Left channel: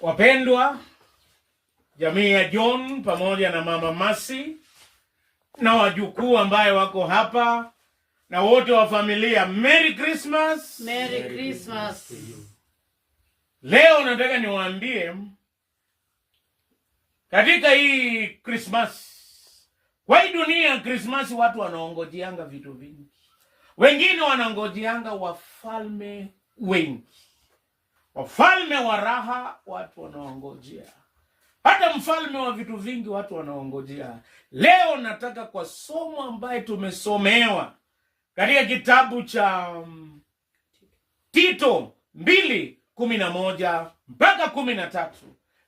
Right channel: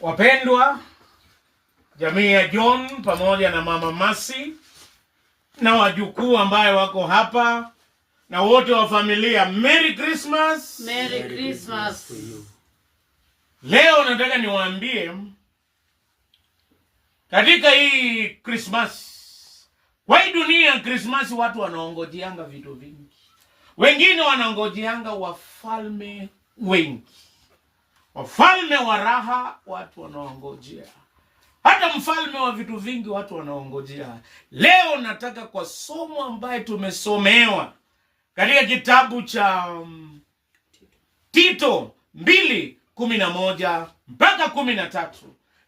Wapendwa, jamii ya John pamoja na mama Masi na wajukuu ambaye wako hapa na wote wa familia, Merry Christmas. Merry Christmas. Leo nataka niwaambie katika hii Christmas, kwa hii dunia Christmas watu wanaongojianga vitu vingi. Wengine wanaongojianga wafalme wengi. Wafalme wa raha watu wanaongojea. Hata mfalme wa vitu vingi watu wanaongojea. Leo nataka kwa somo ambaye tumesomewa katika kitabu cha Tito 2:11 mpaka 13.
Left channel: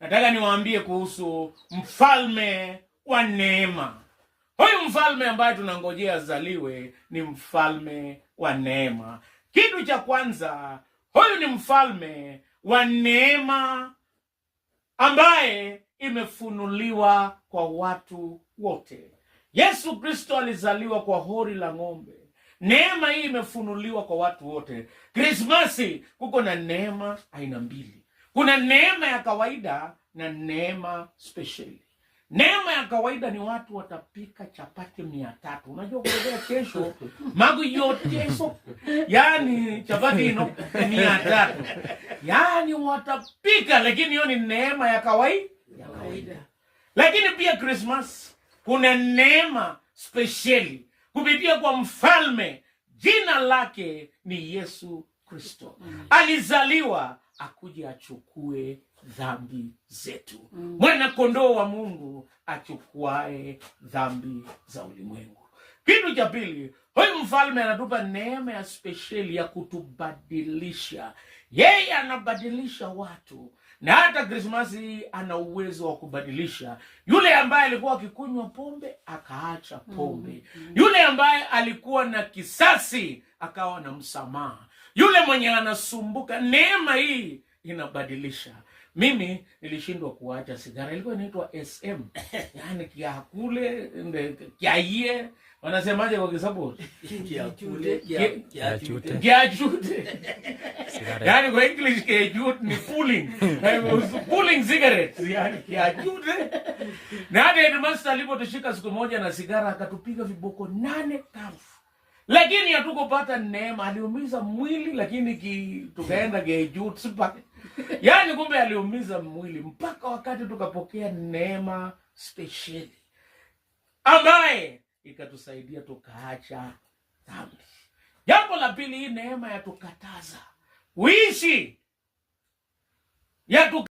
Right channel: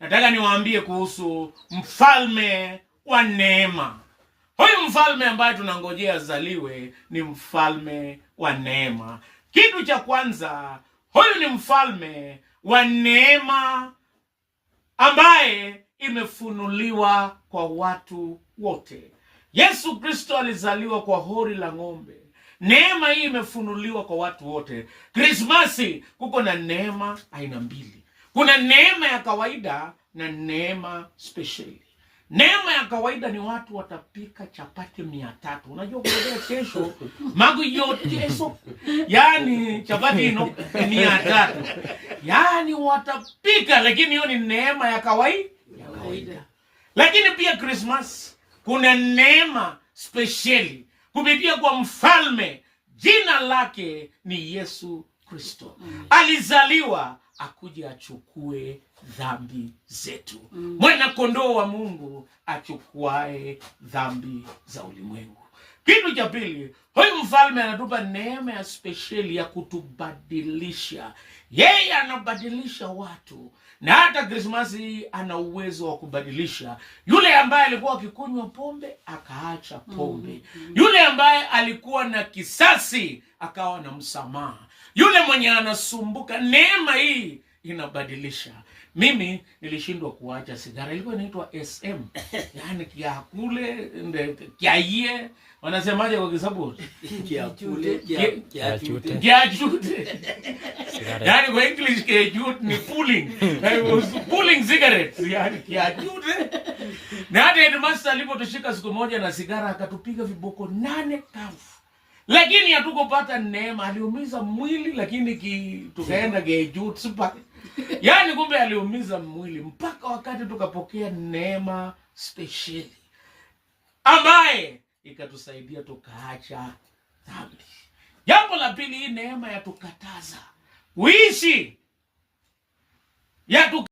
Nataka niwaambie kuhusu mfalme wa neema. Huyu mfalme ambaye tunangojea azaliwe ni mfalme wa neema. Kitu cha kwanza, huyu ni mfalme wa neema ambaye imefunuliwa kwa watu wote. Yesu Kristo alizaliwa kwa hori la ng'ombe. Neema hii imefunuliwa kwa watu wote. Krismasi kuko na neema aina mbili. Kuna neema ya kawaida na neema speciali. Neema ya kawaida ni watu watapika chapati 300. Unajua kuelekea kesho magu yote eso. Yaani chapati ino 300. Yaani watapika, lakini hiyo ni neema ya kawaida. Lakini pia Christmas kuna neema speciali kupitia kwa mfalme, jina lake ni Yesu Kristo. Alizaliwa akuje achukue dhambi zetu. Mwana kondoo wa Mungu achukuae dhambi za ulimwengu. Kitu cha pili, huyu mfalme anatupa neema ya speciali ya kutubadilisha. Yeye anabadilisha watu. Na hata Krismasi ana uwezo wa kubadilisha. Yule ambaye alikuwa akikunywa pombe akaacha pombe. Yule ambaye alikuwa na kisasi akawa na msamaha. Yule mwenye anasumbuka, neema hii inabadilisha. Mimi nilishindwa kuacha sigara. Ilikuwa inaitwa SM. Yaani kiakule, kiaie. Wanasemaje kwa Kiswahili? Kiakule, kiachute. Yaani kwa English kiachute ni pulling. Pulling cigarettes. Yaani kiachute. Na hata headmaster alipotushika siku moja na sigara akatupiga viboko 8 kafu. Lakini hatukupata neema. Aliumiza mwili lakini tukaenda kiachute super. Yaani kumbe aliumiza mwili mpaka wakati tukapokea neema speciali ambaye ikatusaidia tukaacha dhambi. Jambo la pili, hii neema ya tukataza uishi